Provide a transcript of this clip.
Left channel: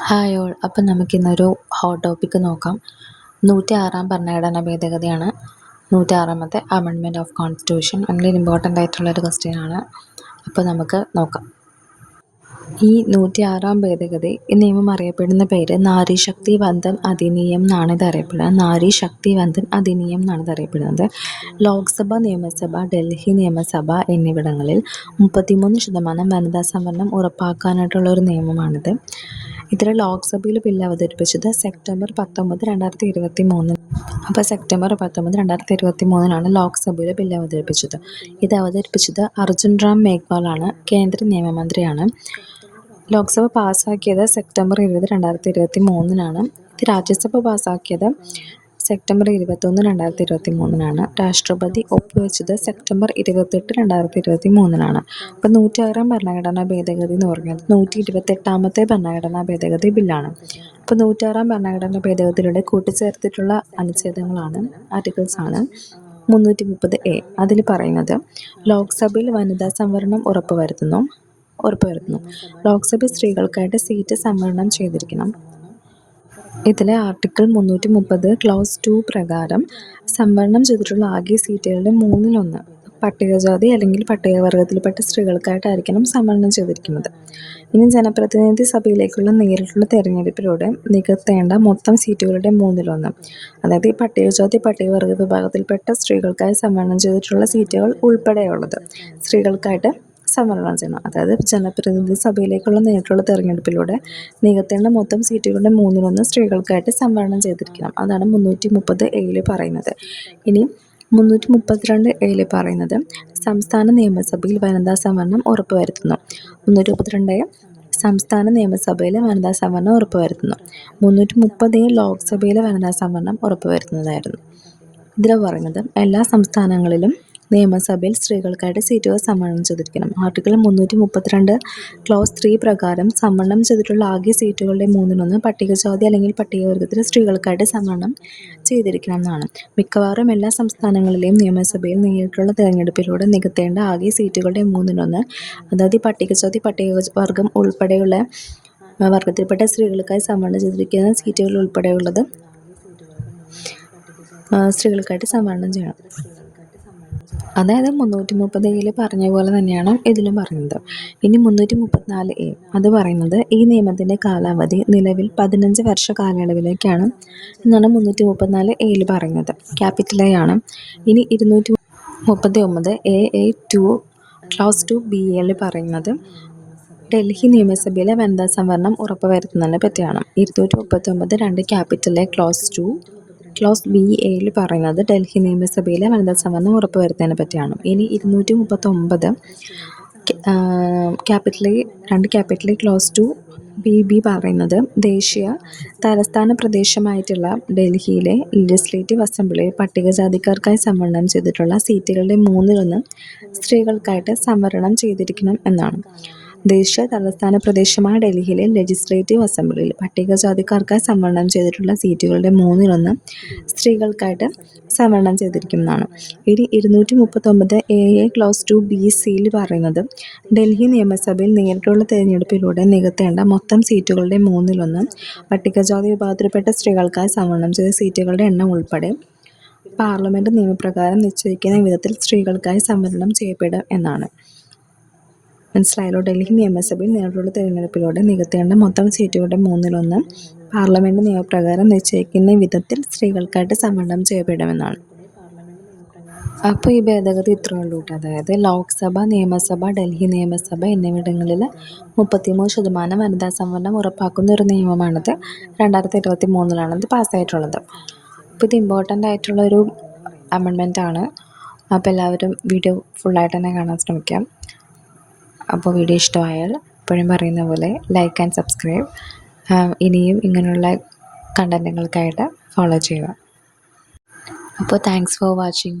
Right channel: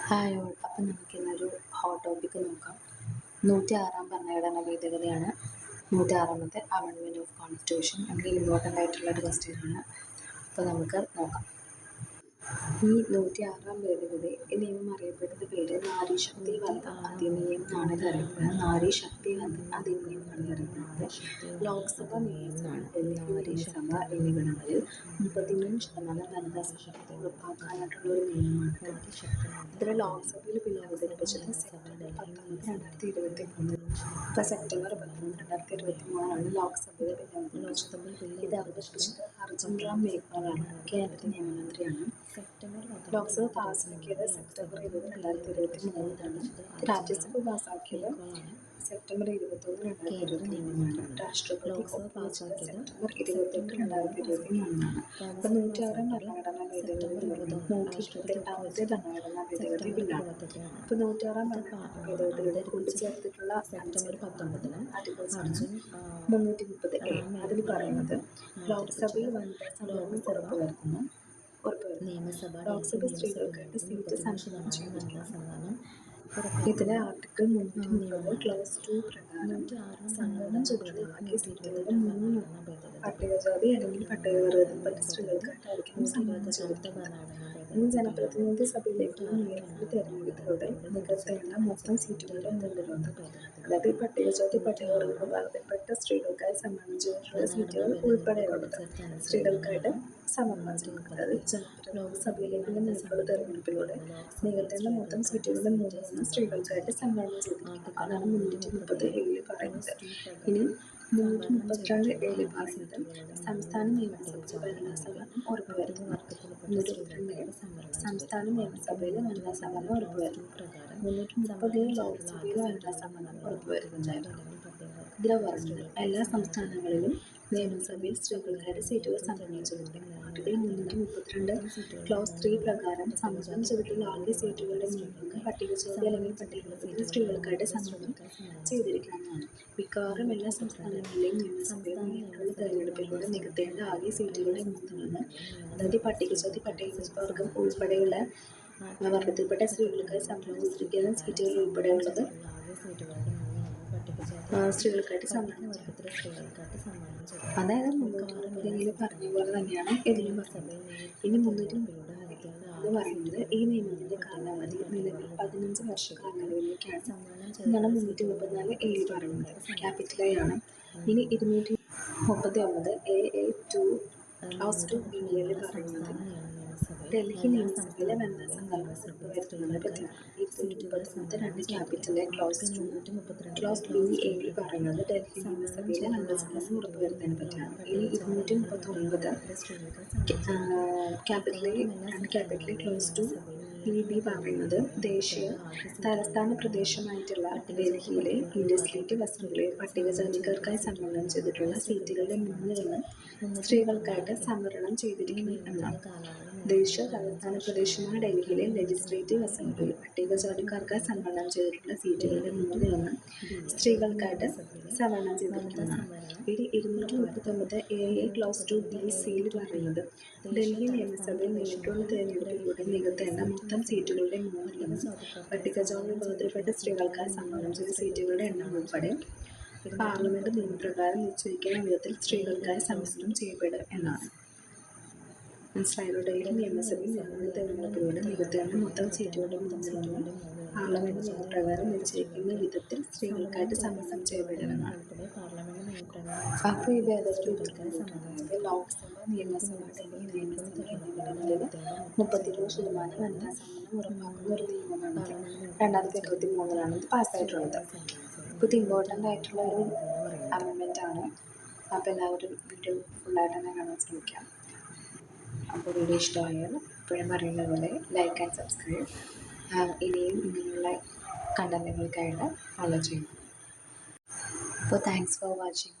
Hi all. അപ്പം നമുക്കിന്നൊരു hot topic നോക്കാം. 106 ഭരണഘടനാ ഭേദഗതിയാണ്. 106 അമെൻഡ്മെൻറ്റ് ഓഫ് കോൺസ്റ്റിറ്റ്യൂഷൻ. വളരെ ഇമ്പോർട്ടൻ്റ് ആയിട്ടുള്ളൊരു ക്വസ്റ്റ്യനാണ്. അപ്പോൾ നമുക്ക് നോക്കാം. ഈ 106 ഭേദഗതി ഈ നിയമം അറിയപ്പെടുന്ന പേര് നാരി ശക്തി വന്ദൻ അധിനിയം എന്നാണ് ഇത് അറിയപ്പെടുന്നത്. നാരി ശക്തി വന്ദൻ അധിനിയം എന്നാണ് ഇത് അറിയപ്പെടുന്നത്. ലോക്സഭ, നിയമസഭ, ഡൽഹി നിയമസഭ എന്നിവിടങ്ങളിൽ 33% വനിതാ സംവരണം ഉറപ്പാക്കാനായിട്ടുള്ള ഒരു നിയമമാണിത്. ഇതിൽ ലോക്സഭയിൽ ബില്ല് അവതരിപ്പിച്ചത് സെപ്റ്റംബർ 19, 2023. അപ്പോൾ സെപ്റ്റംബർ 19, 2023 ലോക്സഭയിൽ ബില്ല് അവതരിപ്പിച്ചത്. ഇത് അവതരിപ്പിച്ചത് അർജുൻ റാം മേഘ്വാളാണ്. കേന്ദ്ര നിയമമന്ത്രിയാണ്. ലോക്സഭ പാസ്സാക്കിയത് സെപ്റ്റംബർ 20, 2023. ഇത് രാജ്യസഭ പാസ്സാക്കിയത് സെപ്റ്റംബർ 21, 2023. രാഷ്ട്രപതി ഒപ്പുവെച്ചത് സെപ്റ്റംബർ 28, 2023. അപ്പോൾ 106 ഭരണഘടനാ ഭേദഗതി എന്ന് പറഞ്ഞത് 128 ഭരണഘടനാ ഭേദഗതി ബില്ലാണ്. അപ്പോൾ 106 ഭരണഘടനാ ഭേദഗതിയിലൂടെ കൂട്ടിച്ചേർത്തിട്ടുള്ള അനുച്ഛേദങ്ങളാണ്, ആർട്ടിക്കിൾസാണ് 330A. അതിൽ പറയുന്നത് ലോക്സഭയിൽ വനിതാ സംവരണം ഉറപ്പുവരുത്തുന്നു. ലോക്സഭയിൽ സ്ത്രീകൾക്കായിട്ട് സീറ്റ് സംവരണം ചെയ്തിരിക്കണം. ഇതിലെ ആർട്ടിക്കിൾ 330 ക്ലോസ് 2 പ്രകാരം സംവരണം ചെയ്തിട്ടുള്ള ആകെ സീറ്റുകളുടെ 1/3 പട്ടികജാതി അല്ലെങ്കിൽ പട്ടികവർഗത്തിൽപ്പെട്ട സ്ത്രീകൾക്കായിട്ടായിരിക്കണം സംവരണം ചെയ്തിരിക്കുന്നത്. ഇനി ജനപ്രതിനിധി സഭയിലേക്കുള്ള നേരിട്ടുള്ള തെരഞ്ഞെടുപ്പിലൂടെ നികത്തേണ്ട മൊത്തം സീറ്റുകളുടെ 1/3, അതായത് ഈ പട്ടികജാതി പട്ടികവർഗ വിഭാഗത്തിൽപ്പെട്ട സ്ത്രീകൾക്കായി സംവരണം ചെയ്തിട്ടുള്ള സീറ്റുകൾ ഉൾപ്പെടെയുള്ളത് സ്ത്രീകൾക്കായിട്ട് സംവരണം ചെയ്യണം. അതായത് ജനപ്രതിനിധി സഭയിലേക്കുള്ള നേരിട്ടുള്ള തെരഞ്ഞെടുപ്പിലൂടെ നികത്തേണ്ട മൊത്തം സീറ്റുകളുടെ 1/3 സ്ത്രീകൾക്കായിട്ട് സംവരണം ചെയ്തിരിക്കണം. അതാണ് 330A പറയുന്നത്. ഇനി 332A പറയുന്നത് സംസ്ഥാന നിയമസഭയിൽ വനിതാ സംവരണം ഉറപ്പുവരുത്തുന്നു. 332A സംസ്ഥാന നിയമസഭയിലെ വനിതാ സംവരണം ഉറപ്പുവരുത്തുന്നു. 330A ലോക്സഭയിലെ വനിതാ സംവരണം ഉറപ്പുവരുത്തുന്നതായിരുന്നു. ഇതിൽ പറയുന്നത് എല്ലാ സംസ്ഥാനങ്ങളിലും നിയമസഭയിൽ സ്ത്രീകൾക്കായിട്ട് സീറ്റുകൾ സംവരണം ചെയ്തിരിക്കണം. ആർട്ടിക്കിൾ 332 ക്ലോസ് 3 പ്രകാരം സംവരണം ചെയ്തിട്ടുള്ള ആകെ സീറ്റുകളുടെ 1/3 പട്ടികജാതി അല്ലെങ്കിൽ പട്ടികവർഗത്തിലെ സ്ത്രീകൾക്കായിട്ട് സംവരണം ചെയ്തിരിക്കണം എന്നാണ്. മിക്കവാറും എല്ലാ സംസ്ഥാനങ്ങളിലെയും നിയമസഭയിൽ നേരിട്ടുള്ള തെരഞ്ഞെടുപ്പിലൂടെ നികത്തേണ്ട ആകെ സീറ്റുകളുടെ 1/3, അതായത് പട്ടികജാതി പട്ടികവർഗം ഉൾപ്പെടെയുള്ള വർഗത്തിൽപ്പെട്ട സ്ത്രീകൾക്കായി സംവരണം ചെയ്തിരിക്കുന്ന സീറ്റുകൾ ഉൾപ്പെടെയുള്ളത് സ്ത്രീകൾക്കായിട്ട് സംവരണം ചെയ്യണം. അതായത് 330A പറഞ്ഞ പോലെ തന്നെയാണ് ഇതിലും പറയുന്നത്. ഇനി 334A അത് പറയുന്നത് ഈ നിയമത്തിൻ്റെ കാലാവധി നിലവിൽ 15 വർഷ കാലയളവിലേക്കാണ് എന്നാണ് 334A പറയുന്നത്. ക്യാപിറ്റൽ A ആണ്. ഇനി 239AA2 ക്ലോസ് 2B പറയുന്നത് ഡൽഹി നിയമസഭയിലെ വനിതാ സംവരണം ഉറപ്പുവരുത്തുന്നതിനെ പറ്റിയാണ്. 239 ക്യാപിറ്റൽ A ക്ലോസ് BA പറയുന്നത് ഡൽഹി നിയമസഭയിലെ വനിതാ സംവരണം ഉറപ്പുവരുത്തുന്നതിനെ പറ്റിയാണ്. ഇനി 239 ക്യാപിറ്റൽ A ക്ലോസ് 2BB പറയുന്നത് ദേശീയ തലസ്ഥാന പ്രദേശമായിട്ടുള്ള ഡൽഹിയിലെ ലെജിസ്ലേറ്റീവ് അസംബ്ലിയിൽ പട്ടികജാതിക്കാർക്കായി സംവരണം ചെയ്തിട്ടുള്ള സീറ്റുകളുടെ 1/3 സ്ത്രീകൾക്കായിട്ട് സംവരണം ചെയ്തിരിക്കണം എന്നാണ്. ദേശീയ തലസ്ഥാന പ്രദേശമായ ഡൽഹിയിലെ ലെജിസ്ലേറ്റീവ് അസംബ്ലിയിൽ പട്ടികജാതിക്കാർക്കായി സംവരണം ചെയ്തിട്ടുള്ള സീറ്റുകളുടെ 1/3 സ്ത്രീകൾക്കായിട്ട് സംവരണം ചെയ്തിരിക്കുന്നതാണ്. ഇനി 239AA ക്ലോസ് 2BC പറയുന്നത് ഡൽഹി നിയമസഭയിൽ നേരിട്ടുള്ള തെരഞ്ഞെടുപ്പിലൂടെ നികത്തേണ്ട മൊത്തം സീറ്റുകളുടെ 1/3 പട്ടികജാതി വിഭാഗത്തിൽപ്പെട്ട സ്ത്രീകൾക്കായി സംവരണം ചെയ്ത സീറ്റുകളുടെ എണ്ണം ഉൾപ്പെടെ പാർലമെൻറ്റ് നിയമപ്രകാരം നിശ്ചയിക്കുന്ന വിധത്തിൽ സ്ത്രീകൾക്കായി സംവരണം ചെയ്യപ്പെടും എന്നാണ്. മനസ്സിലായല്ലോ. ഡൽഹി നിയമസഭയിൽ നേരിട്ടുള്ള തെരഞ്ഞെടുപ്പിലൂടെ നികത്തേണ്ട മൊത്തം സീറ്റുകളുടെ 1/3 പാർലമെൻറ്റ് നിയമപ്രകാരം നിശ്ചയിക്കുന്ന വിധത്തിൽ സ്ത്രീകൾക്കായിട്ട് സംവരണം ചെയ്യപ്പെടുമെന്നാണ്. അപ്പോൾ ഈ ഭേദഗതി ഇത്രയേ ഉള്ളൂ കേട്ടോ. അതായത് ലോക്സഭ, നിയമസഭ, ഡൽഹി നിയമസഭ എന്നിവിടങ്ങളിൽ 33% വനിതാ സംവരണം ഉറപ്പാക്കുന്ന ഒരു നിയമമാണിത്. 2023 ഇത് പാസ്സായിട്ടുള്ളത്. അപ്പോൾ ഇത് ഇമ്പോർട്ടൻ്റ് ആയിട്ടുള്ളൊരു അമെൻഡ്മെൻറ്റാണ്. അപ്പോൾ എല്ലാവരും വീഡിയോ ഫുള്ളായിട്ട് തന്നെ കാണാൻ ശ്രമിക്കാം. അപ്പോൾ വീഡിയോ ഇഷ്ടമായാൽ എപ്പോഴും പറയുന്ന പോലെ ലൈക്ക് ആൻഡ് സബ്സ്ക്രൈബ്. ഇനിയും ഇങ്ങനെയുള്ള കണ്ടൻറ്റുകൾക്കായിട്ട് ഫോളോ ചെയ്യുക. അപ്പോൾ താങ്ക്സ് ഫോർ വാച്ചിങ്.